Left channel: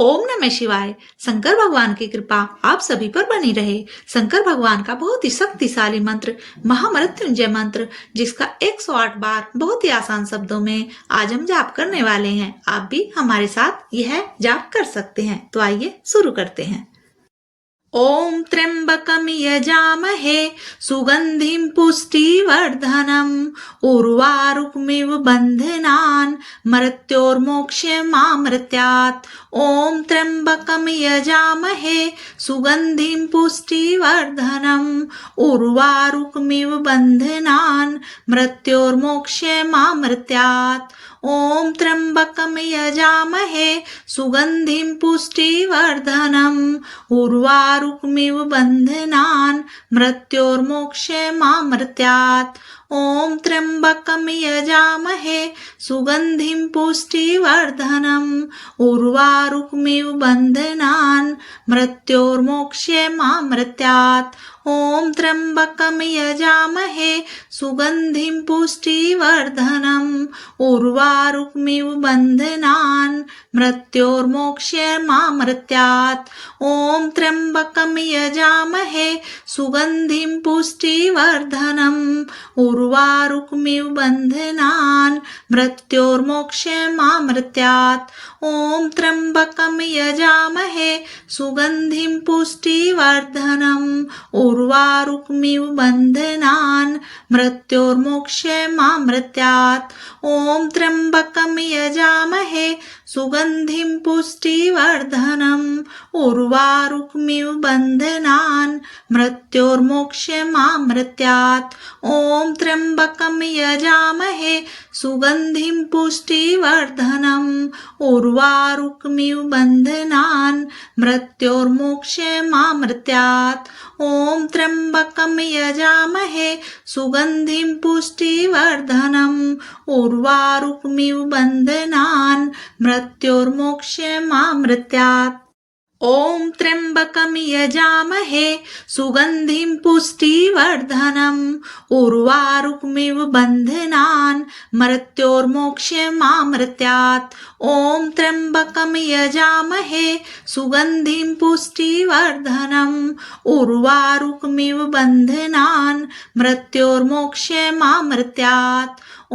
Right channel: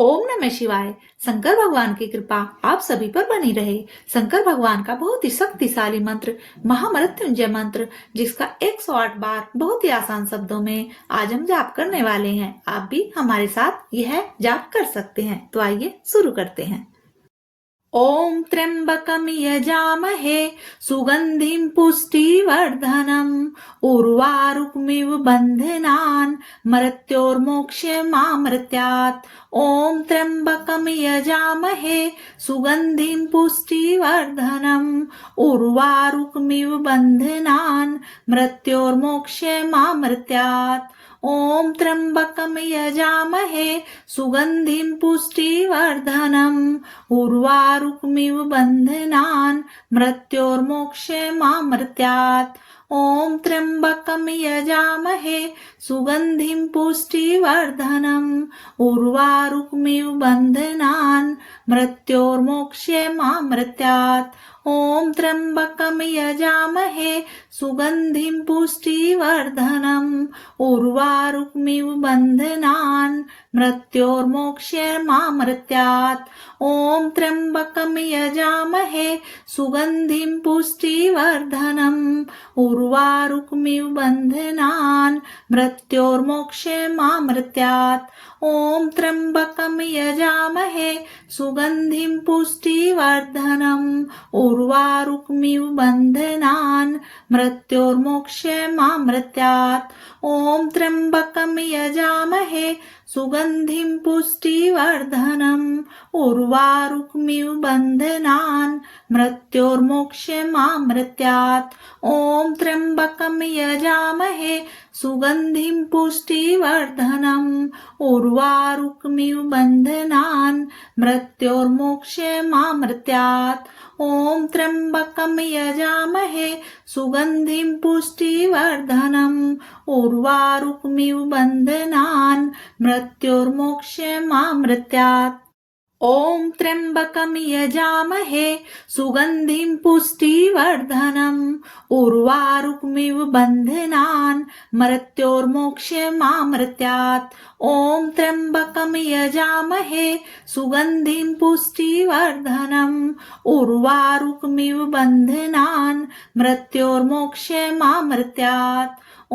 ओम नमः शिवाय। शंकर भगवान की कृपा आप सभी पर बनी रहे। शंकर भगवान का बहुत ही शक्तिशाली मंत्र महामृत्युंजय मंत्र, जिसका 108 बार बहुत ही आसान शब्दों में आज हम जाप करने वाले हैं। आप भी हमारे साथ यह जाप कर सकते हैं। तो आइए शुरू करते हैं। ॐ त्र्यम्बकं यजामहे सुगन्धिं पुष्टिवर्धनम् उर्वारुकमिव बन्धनान् मृत्योर्मोक्षमामृतात्। ॐ त्र्यम्बकं यजामहे सुगन्धिं पुष्टिवर्धनम् उर्वारुकमिव बन्धनान् मृत्योर्मोक्षमामृतात्। ॐ त्र्यम्बकं यजामहे सुगन्धिं पुष्टिवर्धनम् उर्वारुकमिव बन्धनान् मृत्योर्मोक्षमामृतात्। ॐ त्र्यम्बकं यजामहे सुगन्धिं पुष्टिवर्धनम् उर्वारुकमिव बन्धनान् मृत्योर्मोक्षमामृतात्। ॐ त्र्यम्बकं यजामहे सुगन्धिं पुष्टिवर्धनम् उर्वारुकमिव बन्धनान् मृत्योर्मोक्षमामृतात्। ॐ त्र्यम्बकं यजामहे सुगन्धिं पुष्टिवर्धनम् उर्वारुकमिव बन्धनान् मृत्योर्मोक्षमामृतात्। ॐ त्र्यम्बकं यजामहे सुगन्धिं पुष्टिवर्धनम् उर्वारुकमिव बन्धनान् मृत्योर्मोक्षमामृतात्। ॐ त्र्यम्बकं यजामहे सुगन्धिं पुष्टिवर्धनम् उर्वारुकमिव बन्धनान् मृत्योर्मोक्षमामृतात्। ॐ त्र्यम्बकं यजामहे सुगन्धिं पुष्टिवर्धनम् उर्वारुकमिव बन्धनान् मृत्योर्मोक्षमामृतात्। ॐ त्र्यम्बकं यजामहे सुगन्धिं पुष्टिवर्धनम् उर्वारुकमिव बन्धनान् मृत्योर्मोक्षमामृतात्। ॐ त्र्यम्बकं यजामहे सुगन्धिं पुष्टिवर्धनम् उर्वारुकमिव बन्धनान् मृत्योर्मोक्षमामृतात्। ॐ त्र्यम्बकं यजामहे सुगन्धिं पुष्टिवर्धनम् उर्वारुकमिव बन्धनान् मृत्योर्मोक्षमामृतात्। ॐ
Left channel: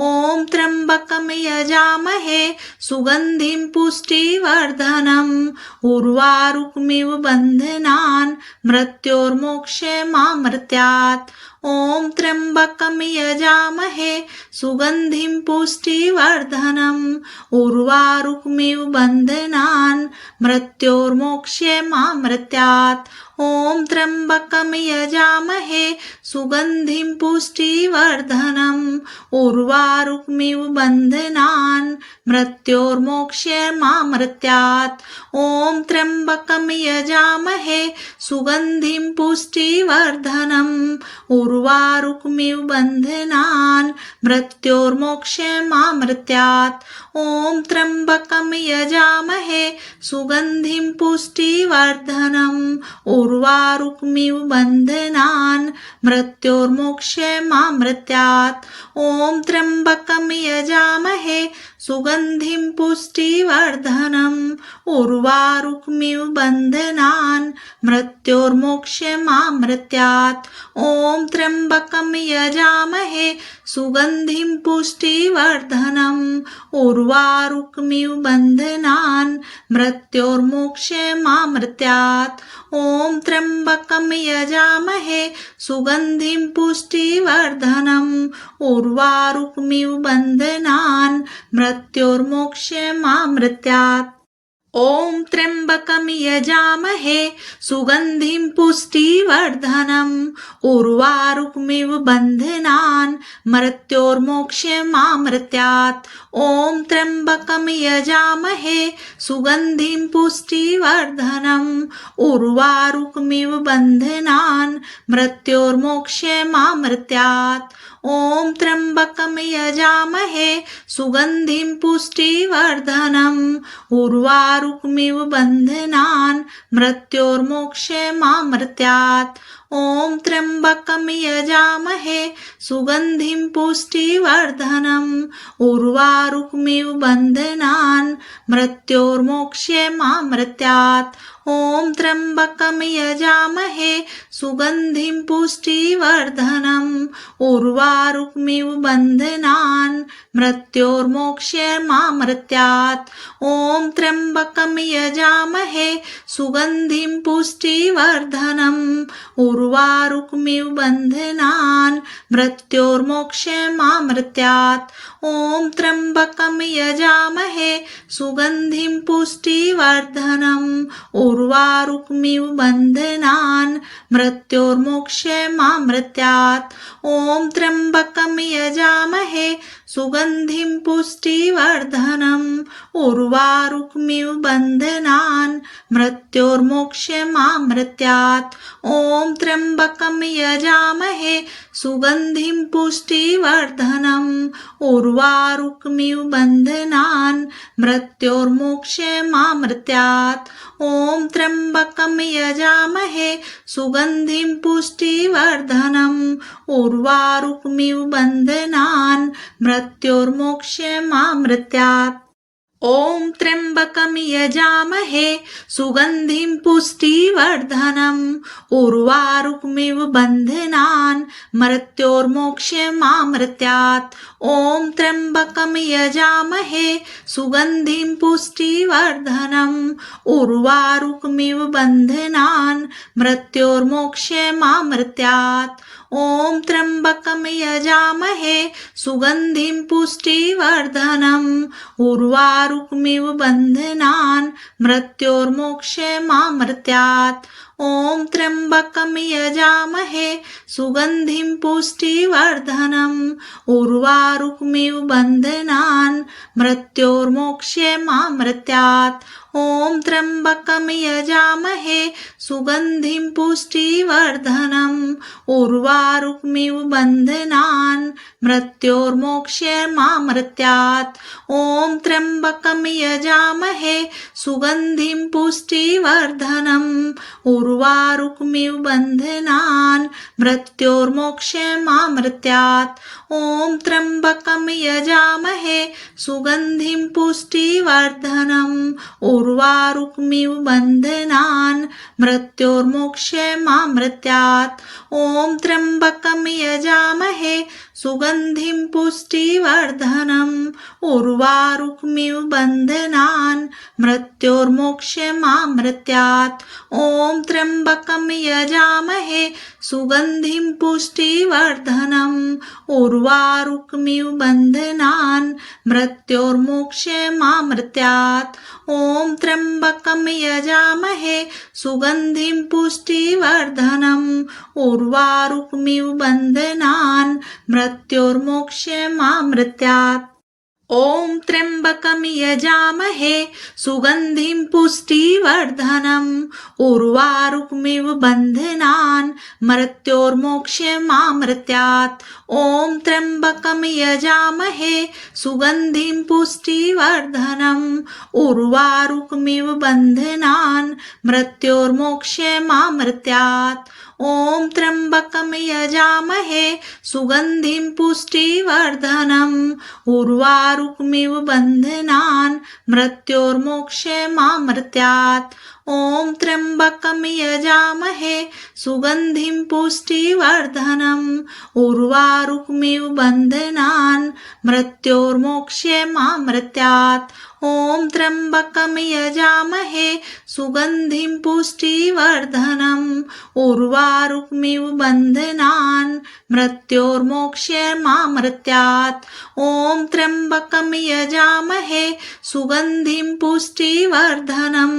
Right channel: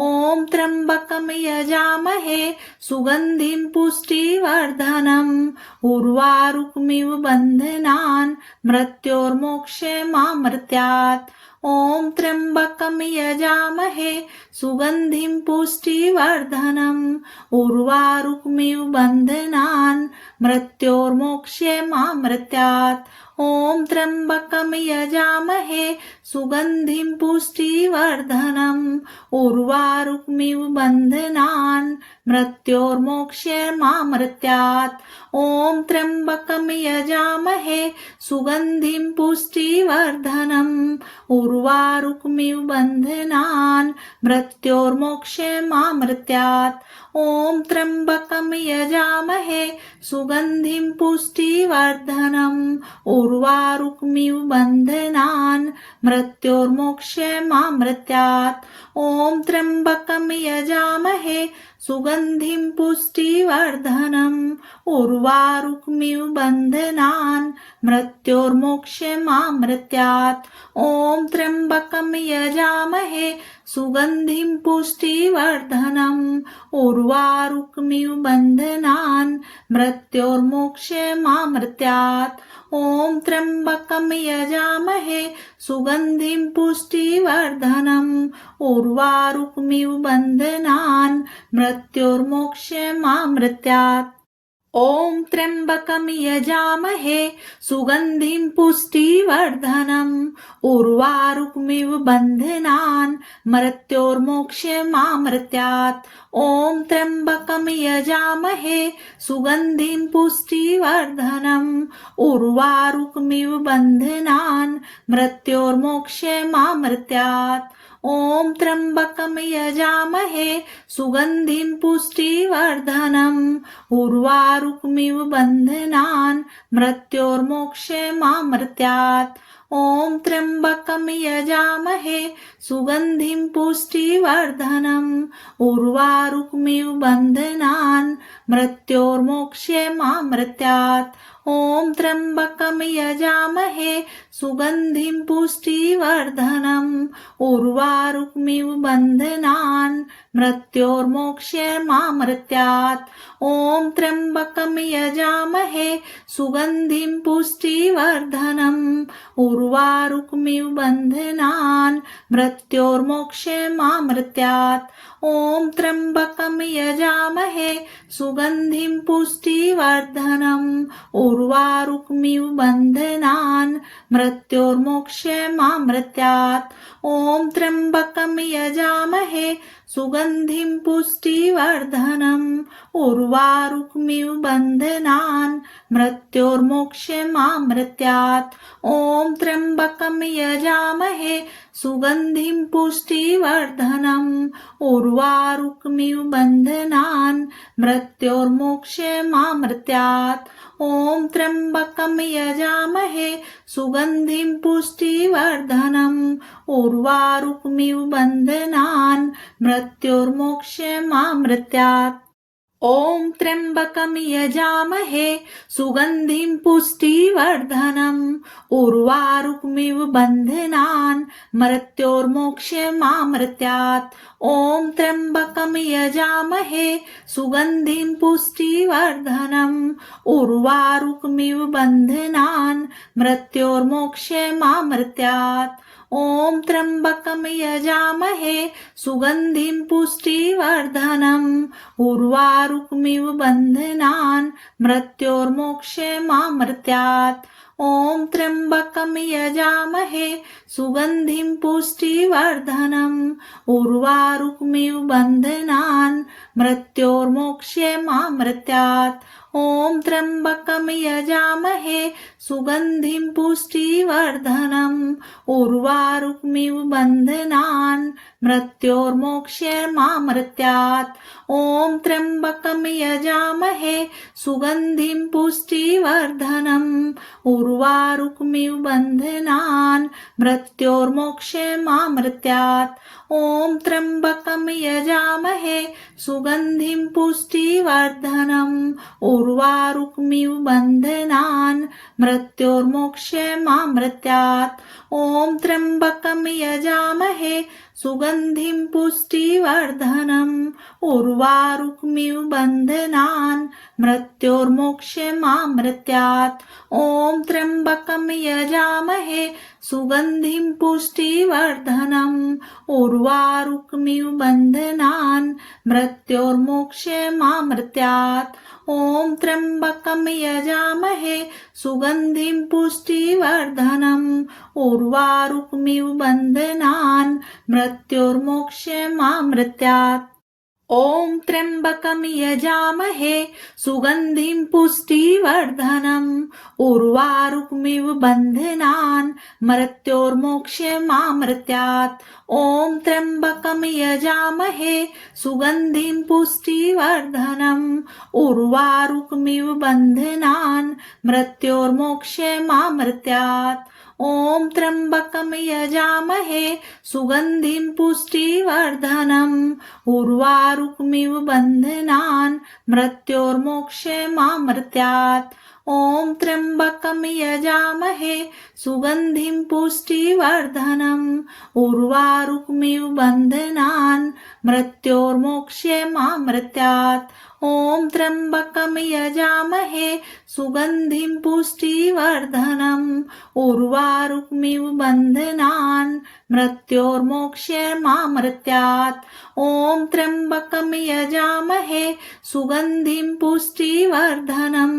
त्र्यम्बकं यजामहे सुगन्धिं पुष्टिवर्धनम् उर्वारुकमिव बन्धनान् मृत्योर्मोक्षमामृतात्। ॐ त्र्यम्बकं यजामहे सुगन्धिं पुष्टिवर्धनम् उर्वारुकमिव बन्धनान् मृत्योर्मोक्षमामृतात्। ॐ त्र्यम्बकं यजामहे सुगन्धिं पुष्टिवर्धनम् उर्वारुकमिव बन्धनान् मृत्योर्मोक्षमामृतात्। ॐ त्र्यम्बकं यजामहे सुगन्धिं पुष्टिवर्धनम् उर्वारुकमिव बन्धनान् मृत्योर्मोक्षमामृतात्। ॐ त्र्यम्बकं यजामहे सुगन्धिं पुष्टिवर्धनम् उर्वारुकमिव बन्धनान् मृत्योर्मोक्षमामृतात्। ॐ त्र्यम्बकं यजामहे सुगन्धिं पुष्टिवर्धनम् उर्वारुकमिव बन्धनान् मृत्योर्मोक्षमामृतात्। ॐ त्र्यम्बकं यजामहे सुगन्धिं पुष्टिवर्धनम् उर्वारुकमिव बन्धनान् मृत्योर्मोक्षमामृतात्। ॐ त्र्यम्बकं यजामहे सुगन्धिं पुष्टिवर्धनम् उर्वारुकमिव बन्धनान् मृत्योर्मोक्षमामृतात्। ॐ त्र्यम्बकं यजामहे सुगन्धिं पुष्टिवर्धनम् उर्वारुकमिव बन्धनान् मृत्योर्मोक्षमामृतात्। ॐ त्र्यम्बकं यजामहे सुगन्धिं पुष्टिवर्धनम् उर्वारुकमिव बन्धनान् मृत्योर्मोक्षमामृतात्। ॐ त्र्यम्बकं यजामहे सुगन्धिं पुष्टिवर्धनम् उर्वारुकमिव बन्धनान् मृत्योर्मोक्षमामृतात् ॐ त्र्यम्बकं यजामहे सुगन्धिं पुष्टिवर्धनम् उर्वारुकमिव बन्धनान् मृत्योर्मोक्षमामृतात् ॐ त्र्यम्बकं यजामहे सुगन्धिं पुष्टिवर्धनम् उर्वारुकमिव बन्धनान् मृत्योर्मोक्षमामृतात् ॐ त्र्यम्बकं यजामहे सुगन्धिं पुष्टिवर्धनम् उर्वारुकमिव बन्धनान् मृत्योर्मोक्षमामृतात् ॐ त्र्यम्बकं यजामहे सुगन्धिं पुष्टिवर्धनम् उर्वारुकमिव बन्धनान् मृत्योर्मोक्षमामृतात् ॐ त्र्यम्बकं यजामहे सुगन्धिं पुष्टिवर्धनम् उर्वारुकमिव बन्धनान् मृत्योर्मोक्षमामृतात् ॐ त्र्यम्बकं यजामहे सुगन्धिं पुष्टिवर्धनम् उर्वारुकमिव बन्धनान् मृत्योर्मोक्षमामृतात् ॐ त्र्यम्बकं यजामहे सुगन्धिं पुष्टिवर्धनम् उर्वारुकमिव बन्धनान् मृत्योर्मोक्षमामृतात् ॐ त्र्यम्बकं यजामहे सुगन्धिं पुष्टिवर्धनम् उर्वारुकमिव बन्धनान् मृत्योर्मोक्षमामृतात् ॐ त्र्यम्बकं यजामहे सुगन्धिं पुष्टिवर्धनम् उर्वारुकमिव बन्धनान् मृत्योर्मोक्षमामृतात् ॐ त्र्यम्बकं यजामहे सुगन्धिं पुष्टिवर्धनम् उर्वारुकमिव बन्धनान् मृत्योर्मोक्षमामृतात् ॐ त्र्यम्बकं यजामहे सुगन्धिं पुष्टिवर्धनम् उर्वारुकमिव बन्धनान् मृत्योर्मोक्षमामृतात् ॐ त्र्यम्बकं यजामहे सुगन्धिं पुष्टिवर्धनम् उर्वारुकमिव बन्धनान् मृत्योर्मोक्षमामृतात् ॐ त्र्यम्बकं यजामहे सुगन्धिं पुष्टिवर्धनम् उर्वारुकमिव बन्धनान् मृत्योर्मोक्षमामृतात् ॐ त्र्यम्बकं यजामहे सुगन्धिं पुष्टिवर्धनम् उर्वारुकमिव बन्धनान् मृत्योर्मोक्षमामृतात् ॐ त्र्यम्बकं यजामहे सुगन्धिं पुष्टिवर्धनम् उर्वारुकमिव बन्धनान् मृत्योर्मोक्षमामृतात् ॐ त्र्यम्बकं यजामहे सुगन्धिं पुष्टिवर्धनम् उर्वारुकमिव बन्धनान् मृत्योर्मोक्षमामृतात् ॐ त्र्यम्बकं यजामहे सुगन्धिं पुष्टिवर्धनम् उर्वारुकमिव बन्धनान् मृत्योर्मोक्षमामृतात् ॐ त्र्यम्बकं यजामहे सुगन्धिं पुष्टिवर्धनम् उर्वारुकमिव बन्धनान् मृत्योर्मोक्षमामृतात् ॐ त्र्यम्बकं यजामहे सुगन्धिं पुष्टिवर्धनम् उर्वारुकमिव बन्धनान् मृत्योर्मोक्षमामृतात् ॐ त्र्यम्बकं यजामहे सुगन्धिं पुष्टिवर्धनम् उर्वारुकमिव बन्धनान् मृत्योर्मोक्षमामृतात् ॐ त्र्यम्बकं यजामहे सुगन्धिं पुष्टिवर्धनम् उर्वारुकमिव बन्धनान् मृत्योर्मोक्षमामृतात् ॐ त्र्यम्बकं यजामहे सुगन्धिं पुष्टिवर्धनम् उर्वारुकमिव बन्धनान् मृत्योर्मोक्षमामृतात् ॐ त्र्यम्बकं यजामहे सुगन्धिं पुष्टिवर्धनम्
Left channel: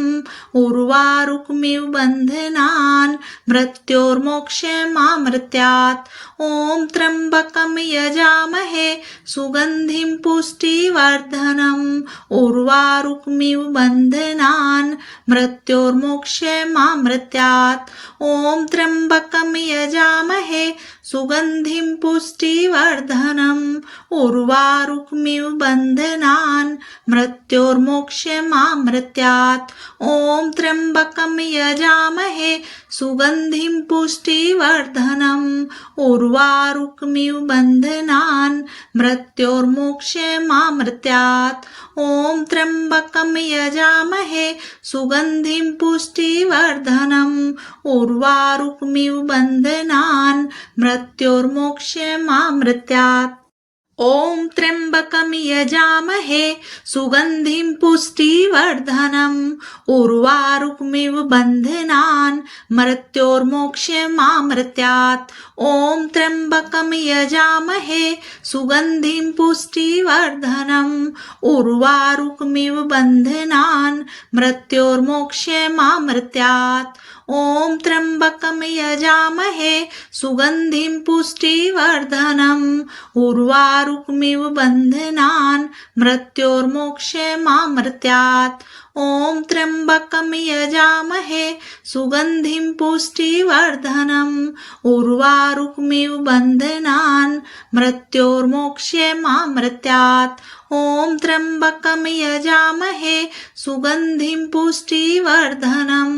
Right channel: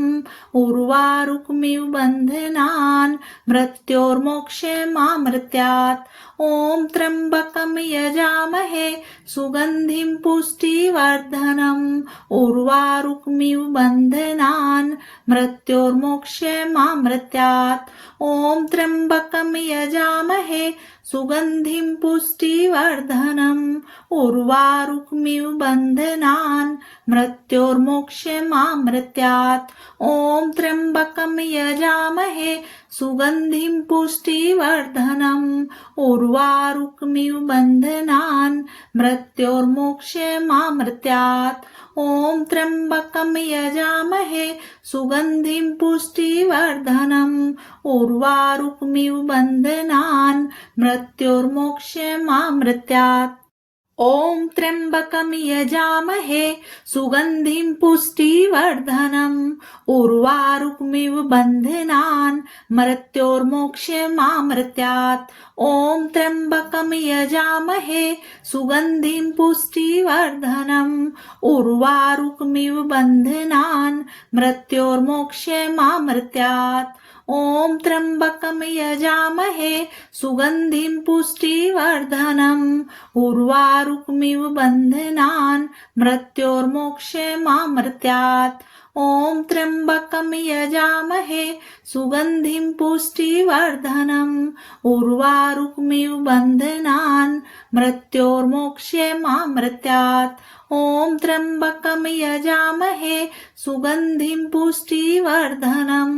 उर्वारुकमिव बन्धनान् मृत्योर्मोक्षमामृतात् ॐ त्र्यम्बकं यजामहे सुगन्धिं पुष्टिवर्धनम् उर्वारुकमिव बन्धनान् मृत्योर्मोक्षमामृतात् ॐ त्र्यम्बकं यजामहे सुगन्धिं पुष्टिवर्धनम् उर्वारुकमिव बन्धनान् मृत्योर्मोक्षमामृत्यात् ॐ त्र्यम्बकं यजामहे सुगन्धिं पुष्टिवर्धनम् उर्वारुकमिव बन्धनान् मृत्योर्मोक्षमामृत्यात् ॐ त्र्यम्बकं यजामहे सुगन्धिं पुष्टिवर्धनम् उर्वारुकमिव बन्धनान् मृत्योर्मोक्षमामृत्यात् ॐ त्र्यम्बकं यजामहे सुगन्धिं पुष्टिवर्धनम् उर्वारुकमिव बन्धनान् मृत्योर्मोक्षमामृत्यात् ॐ त्र्यम्बकं यजामहे सुगन्धिं पुष्टिवर्धनम् उर्वारुकमिव बन्धनान् मृत्योर्मोक्षमामृत्यात् ॐ त्र्यम्बकं यजामहे सुगन्धिं पुष्टिवर्धनम् उर्वारुकमिव बन्धनान् मृत्योर्मोक्षमामृत्यात् ॐ त्र्यम्बकं यजामहे सुगन्धिं पुष्टिवर्धनम् उर्वारुकमिव बन्धनान् मृत्योर्मोक्षमामृत्यात् ॐ त्र्यम्बकं यजामहे सुगन्धिं पुष्टिवर्धनम्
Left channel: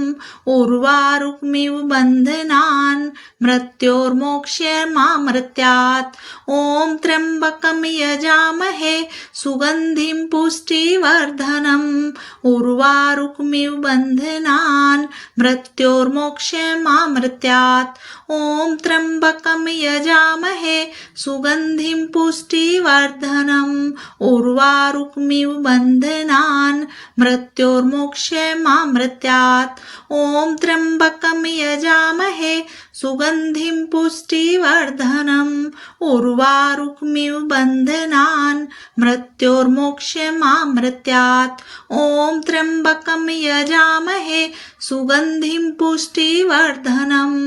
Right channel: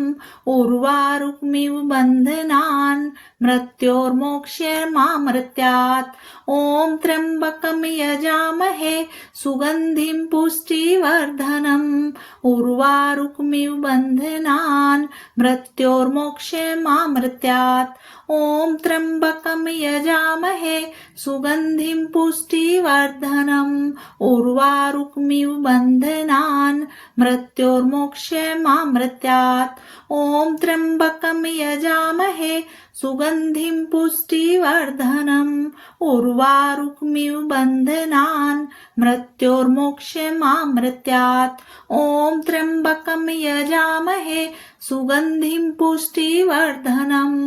उर्वारुकमिव बन्धनान् मृत्योर्मोक्षमामृत्यात् ॐ त्र्यम्बकं यजामहे सुगन्धिं पुष्टिवर्धनम् उर्वारुकमिव बन्धनान् मृत्योर्मोक्षमामृत्यात् ॐ त्र्यम्बकं यजामहे सुगन्धिं पुष्टिवर्धनम् उर्वारुकमिव बन्धनान् मृत्योर्मोक्षमामृत्यात् ॐ त्र्यम्बकं यजामहे सुगन्धिं पुष्टिवर्धनम् उर्वारुकमिव बन्धनान् मृत्योर्मोक्षमामृत्यात् ॐ त्र्यम्बकं यजामहे सुगन्धिं पुष्टिवर्धनम्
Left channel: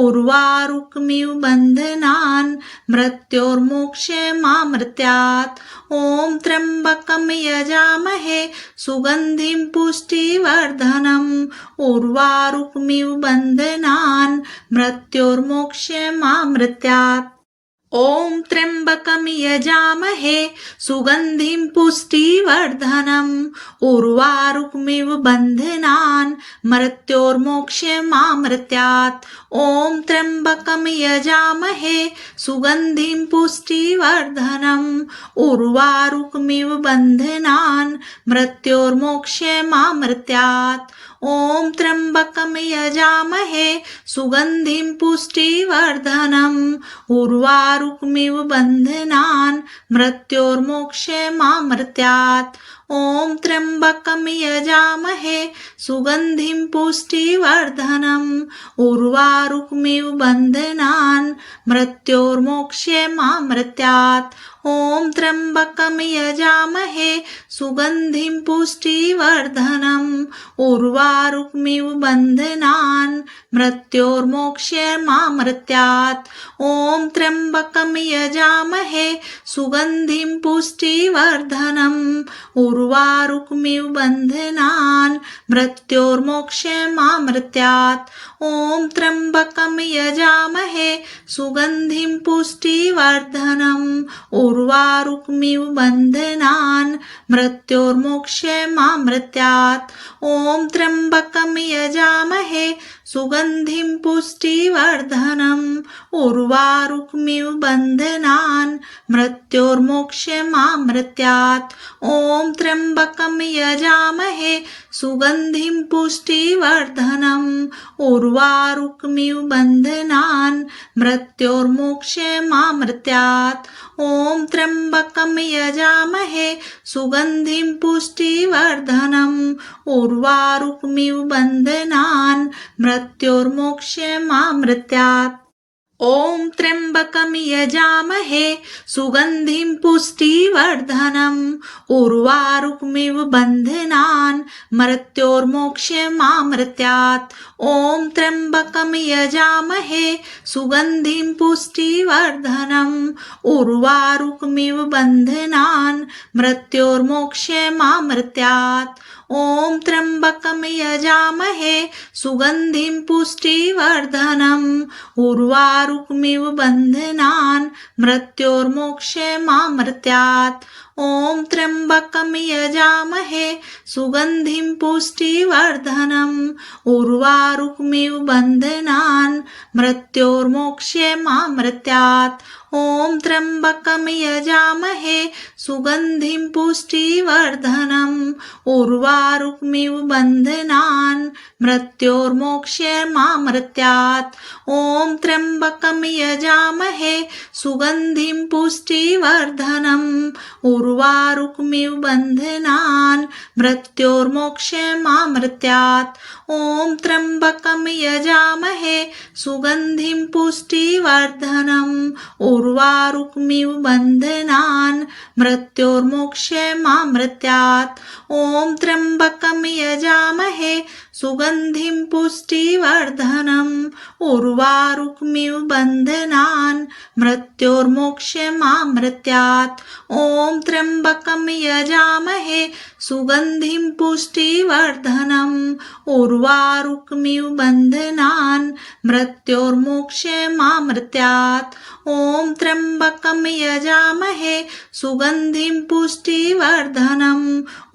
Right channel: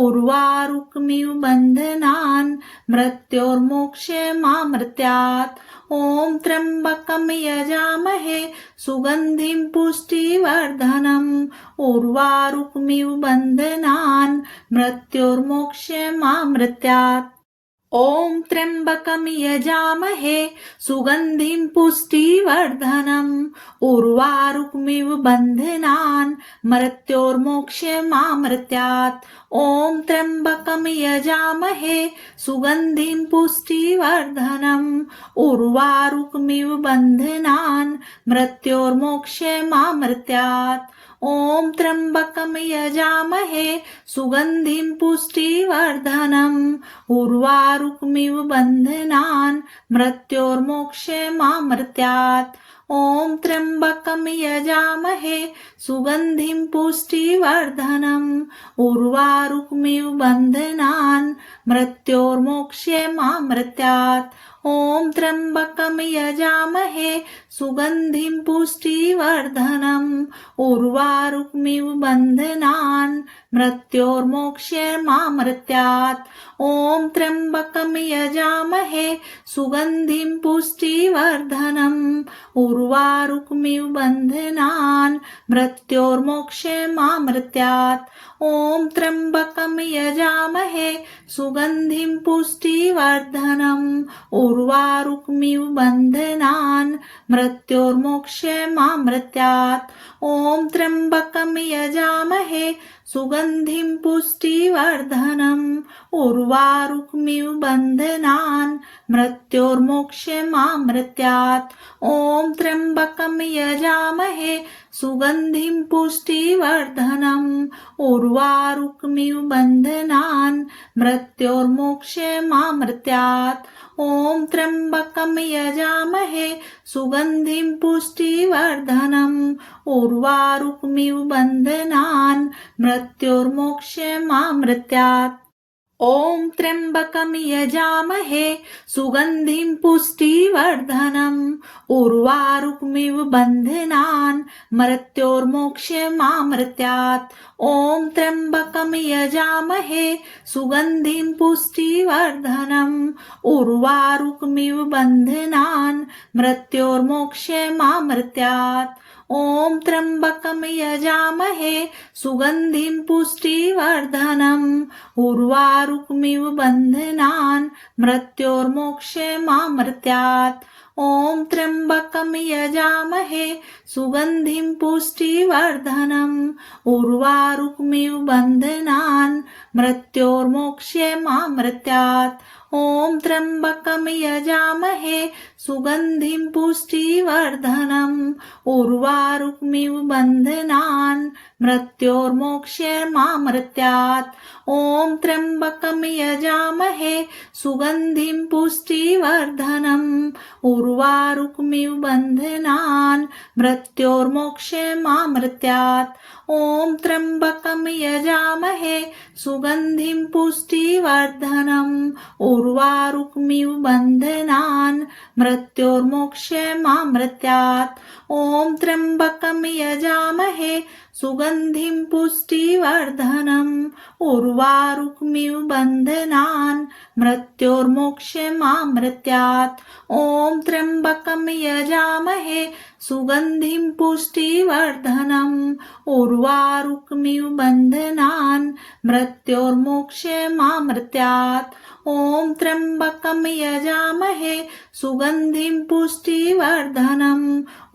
उर्वारुकमिव बन्धनान् मृत्योर्मोक्षमामृत्यात् ॐ त्र्यम्बकं यजामहे सुगन्धिं पुष्टिवर्धनम् उर्वारुकमिव बन्धनान् मृत्योर्मोक्षमामृत्यात् ॐ त्र्यम्बकं यजामहे सुगन्धिं पुष्टिवर्धनम् उर्वारुकमिव बन्धनान् मृत्योर्मोक्षमामृत्यात् ॐ त्र्यम्बकं यजामहे सुगन्धिं पुष्टिवर्धनम् उर्वारुकमिव बन्धनान् मृत्योर्मोक्षमामृत्यात् ॐ त्र्यम्बकं यजामहे सुगन्धिं पुष्टिवर्धनम् उर्वारुकमिव बन्धनान् मृत्योर्मोक्षमामृत्यात् ॐ त्र्यम्बकं यजामहे सुगन्धिं पुष्टिवर्धनम् उर्वारुकमिव बन्धनान् मृत्योर्मोक्षमामृत्यात् ॐ त्र्यम्बकं यजामहे सुगन्धिं पुष्टिवर्धनम् उर्वारुकमिव बन्धनान् मृत्योर्मोक्षमामृत्यात् ॐ त्र्यम्बकं यजामहे सुगन्धिं पुष्टिवर्धनम् उर्वारुकमिव बन्धनान् मृत्योर्मोक्षमामृत्यात् ॐ त्र्यम्बकं यजामहे सुगन्धिं पुष्टिवर्धनम् उर्वारुकमिव बन्धनान् मृत्योर्मोक्षमामृत्यात् ॐ त्र्यम्बकं यजामहे सुगन्धिं पुष्टिवर्धनम् उर्वारुकमिव बन्धनान् मृत्योर्मोक्षमामृत्यात् ॐ त्र्यम्बकं यजामहे सुगन्धिं पुष्टिवर्धनम् उर्वारुकमिव बन्धनान् मृत्योर्मोक्षमामृत्यात् ॐ त्र्यम्बकं यजामहे सुगन्धिं पुष्टिवर्धनम् उर्वारुकमिव बन्धनान् मृत्योर्मोक्षमामृत्यात् ॐ त्र्यम्बकं यजामहे सुगन्धिं पुष्टिवर्धनम् उर्वारुकमिव बन्धनान् मृत्योर्मोक्षमामृत्यात् ॐ त्र्यम्बकं यजामहे सुगन्धिं पुष्टिवर्धनम् उर्वारुकमिव बन्धनान् मृत्योर्मोक्षमामृत्यात् ॐ त्र्यम्बकं यजामहे सुगन्धिं पुष्टिवर्धनम् उर्वारुकमिव बन्धनान् मृत्योर्मोक्षमामृतात् ॐ त्र्यम्बकं यजामहे सुगन्धिं पुष्टिवर्धनम् उर्वारुकमिव बन्धनान् मृत्योर्मोक्षमामृतात् ॐ त्र्यम्बकं यजामहे सुगन्धिं पुष्टिवर्धनम् उर्वारुकमिव बन्धनान् मृत्योर्मोक्षमामृतात् ॐ त्र्यम्बकं यजामहे सुगन्धिं पुष्टिवर्धनम् उर्वारुकमिव बन्धनान् मृत्योर्मोक्षमामृतात् ॐ त्र्यम्बकं यजामहे सुगन्धिं पुष्टिवर्धनम् उर्वारुकमिव बन्धनान् मृत्योर्मोक्षमामृतात् ॐ त्र्यम्बकं यजामहे सुगन्धिं पुष्टिवर्धनम् उर्वारुकमिव बन्धनान् मृत्योर्मोक्षमामृतात् ॐ त्र्यम्बकं यजामहे सुगन्धिं पुष्टिवर्धनम् उर्वारुकमिव बन्धनान् मृत्योर्मोक्षमामृतात् ॐ त्र्यम्बकं यजामहे सुगन्धिं पुष्टिवर्धनम्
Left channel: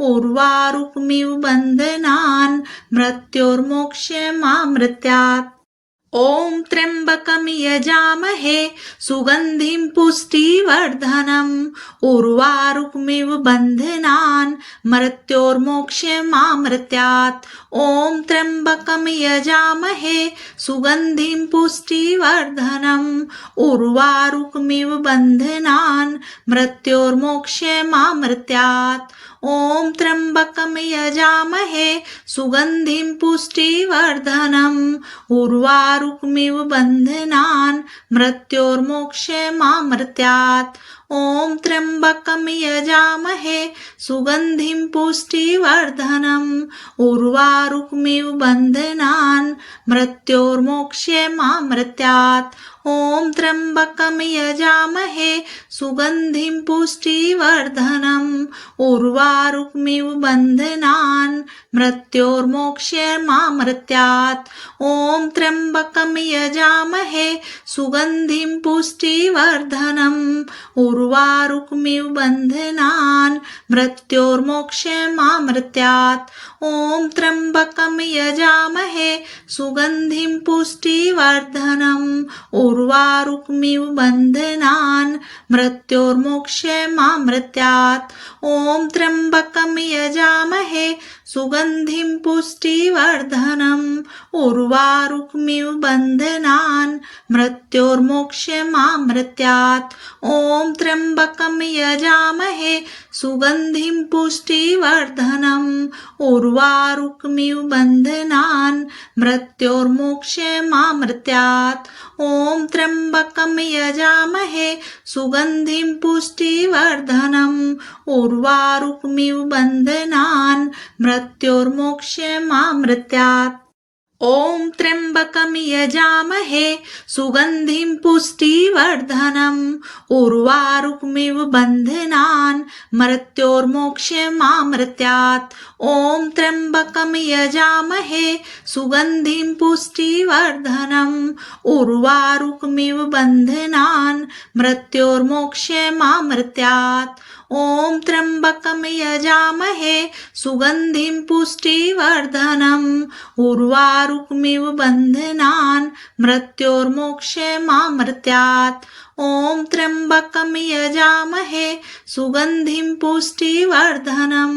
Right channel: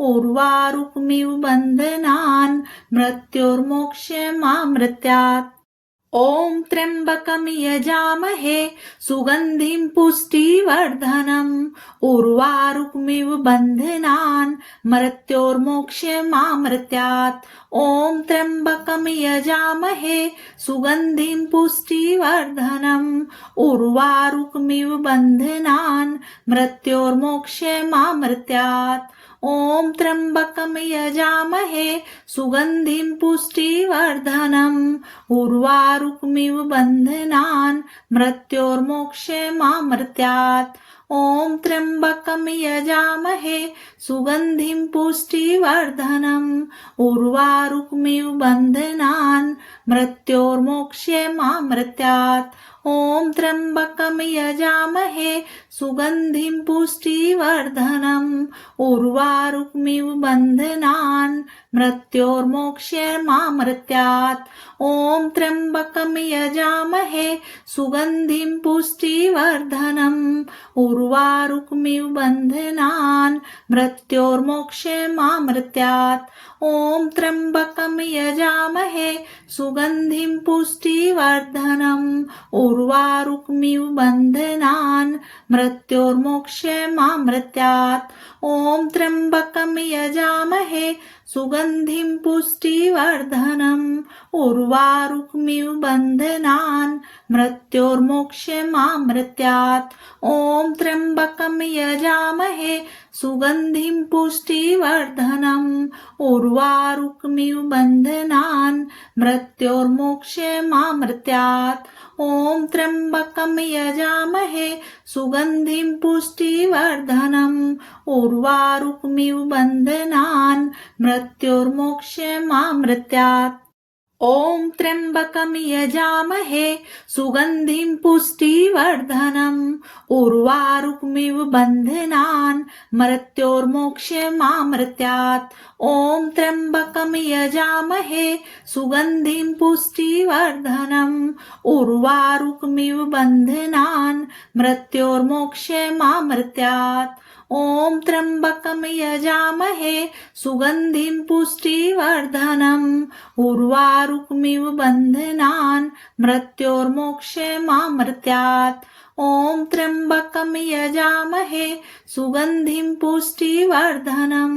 उर्वारुकमिव बन्धनान् मृत्योर्मोक्षमामृतात् ॐ त्र्यम्बकं यजामहे सुगन्धिं पुष्टिवर्धनम् उर्वारुकमिव बन्धनान् मृत्योर्मोक्षमामृतात् ॐ त्र्यम्बकं यजामहे सुगन्धिं पुष्टिवर्धनम् उर्वारुकमिव बन्धनान् मृत्योर्मोक्षमामृतात् ॐ त्र्यम्बकं यजामहे सुगन्धिं पुष्टिवर्धनम् उर्वारुकमिव बन्धनान् मृत्योर्मोक्षमामृतात् ॐ त्र्यम्बकं यजामहे सुगन्धिं पुष्टिवर्धनम् उर्वारुकमिव बन्धनान् मृत्योर्मोक्षमामृतात् ॐ त्र्यम्बकं यजामहे सुगन्धिं पुष्टिवर्धनम् उर्वारुकमिव बन्धनान् मृत्योर्मोक्षमामृतात् ॐ त्र्यम्बकं यजामहे सुगन्धिं पुष्टिवर्धनम् उर्वारुकमिव बन्धनान् मृत्योर्मोक्षमामृतात् ॐ त्र्यम्बकं यजामहे सुगन्धिं पुष्टिवर्धनम् उर्वारुकमिव बन्धनान् मृत्योर्मोक्षमामृतात् ॐ त्र्यम्बकं यजामहे सुगन्धिं पुष्टिवर्धनम् उर्वारुकमिव बन्धनान् मृत्योर्मोक्षमामृतात् ॐ त्र्यम्बकं यजामहे सुगन्धिं पुष्टिवर्धनम् उर्वारुकमिव बन्धनान् मृत्योर्मोक्षमामृतात् ॐ त्र्यम्बकं यजामहे सुगन्धिं पुष्टिवर्धनम् उर्वारुकमिव बन्धनान् मृत्योर्मोक्षमामृतात् ॐ त्र्यम्बकं यजामहे सुगन्धिं पुष्टिवर्धनम् उर्वारुकमिव बन्धनान् मृत्योर्मोक्षमामृतात् ॐ त्र्यम्बकं यजामहे सुगन्धिं पुष्टिवर्धनम् उर्वारुकमिव बन्धनान् मृत्योर्मोक्षमामृतात् ॐ त्र्यम्बकं यजामहे सुगन्धिं पुष्टिवर्धनम् उर्वारुकमिव बन्धनान् मृत्योर्मोक्षमामृतात् ॐ त्र्यम्बकं यजामहे सुगन्धिं पुष्टिवर्धनम्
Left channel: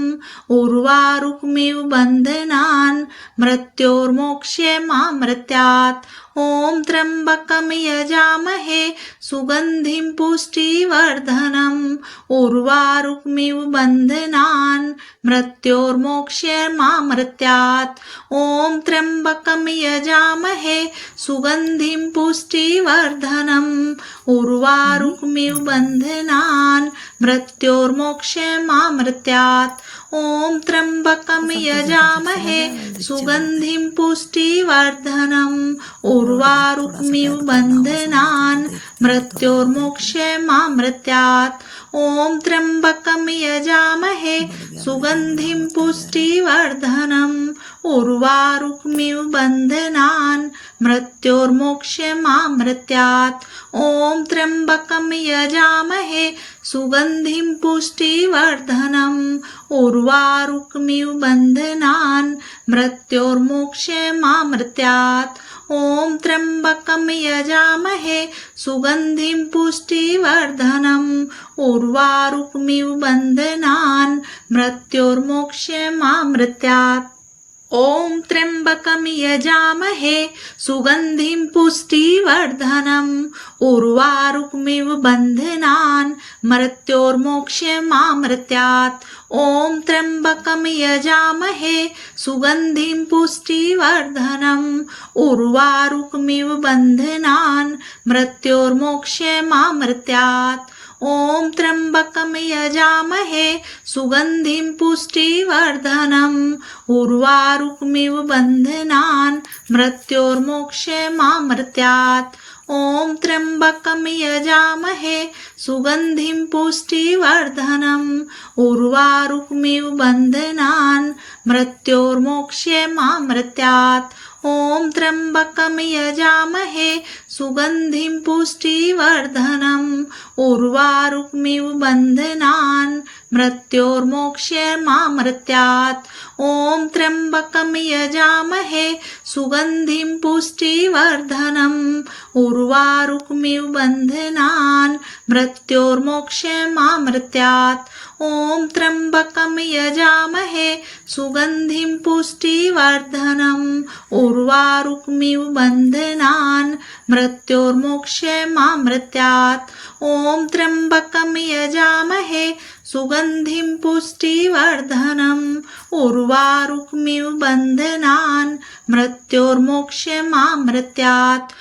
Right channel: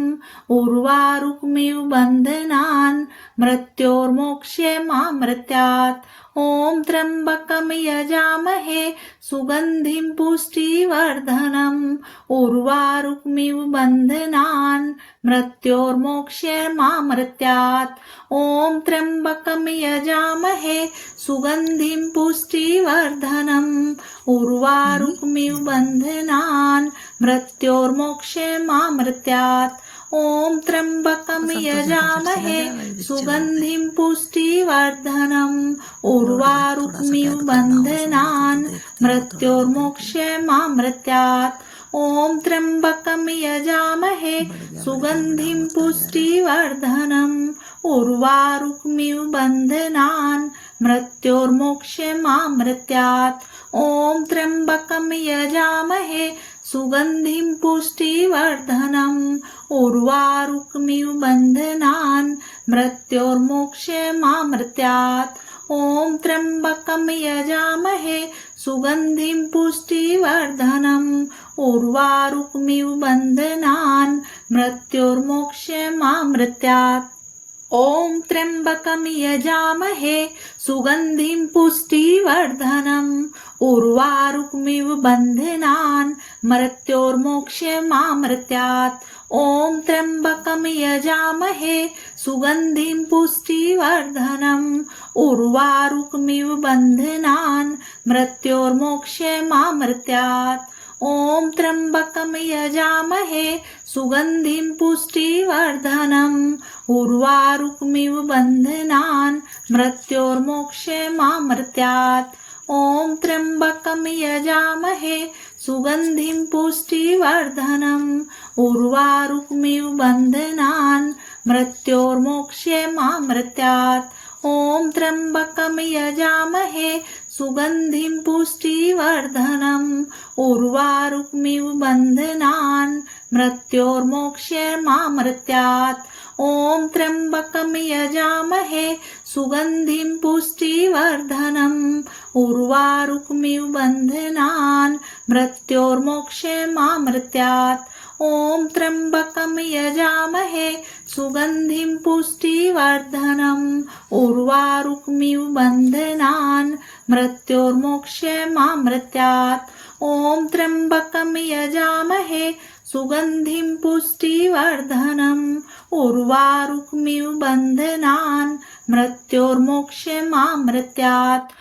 उर्वारुकमिव बन्धनान् मृत्योर्मोक्षमामृतात् ॐ त्र्यम्बकं यजामहे सुगन्धिं पुष्टिवर्धनम् उर्वारुकमिव बन्धनान् मृत्योर्मोक्षमामृतात् ॐ त्र्यम्बकं यजामहे सुगन्धिं पुष्टिवर्धनम् उर्वारुकमिव बन्धनान् मृत्योर्मोक्षमामृतात् ॐ त्र्यम्बकं यजामहे सुगन्धिं पुष्टिवर्धनम् उर्वारुकमिव बन्धनान् मृत्योर्मोक्षमामृतात् ॐ त्र्यम्बकं यजामहे सुगन्धिं पुष्टिवर्धनम् उर्वारुकमिव बन्धनान् मृत्योर्मोक्षमामृत्यात् ॐ त्र्यम्बकं यजामहे सुगन्धिं पुष्टिवर्धनम् उर्वारुकमिव बन्धनान् मृत्योर्मोक्षमामृत्यात् ॐ त्र्यम्बकं यजामहे सुगन्धिं पुष्टिवर्धनम् उर्वारुकमिव बन्धनान् मृत्योर्मोक्षमामृत्यात् ॐ त्र्यम्बकं यजामहे सुगन्धिं पुष्टिवर्धनम् उर्वारुकमिव बन्धनान् मृत्योर्मोक्षमामृत्यात् ॐ त्र्यम्बकं यजामहे सुगन्धिं पुष्टिवर्धनम् उर्वारुकमिव बन्धनान् मृत्योर्मोक्षमामृत्यात् ॐ त्र्यम्बकं यजामहे सुगन्धिं पुष्टिवर्धनम् उर्वारुकमिव बन्धनान् मृत्योर्मोक्षमामृत्यात् ॐ त्र्यम्बकं यजामहे सुगन्धिं पुष्टिवर्धनम् उर्वारुकमिव बन्धनान् मृत्योर्मोक्षमामृत्यात् ॐ त्र्यम्बकं यजामहे सुगन्धिं पुष्टिवर्धनम् उर्वारुकमिव बन्धनान् मृत्योर्मोक्षमामृत्यात् ॐ त्र्यम्बकं यजामहे सुगन्धिं पुष्टिवर्धनम् उर्वारुकमिव बन्धनान् मृत्योर्मोक्षमामृत्यात् ॐ त्र्यम्बकं यजामहे सुगन्धिं पुष्टिवर्धनम् उर्वारुकमिव बन्धनान् मृत्योर्मोक्षमामृत्यात् ॐ त्र्यम्बकं यजामहे सुगन्धिं पुष्टिवर्धनम् उर्वारुकमिव बन्धनान् मृत्योर्मोक्षमामृत्यात्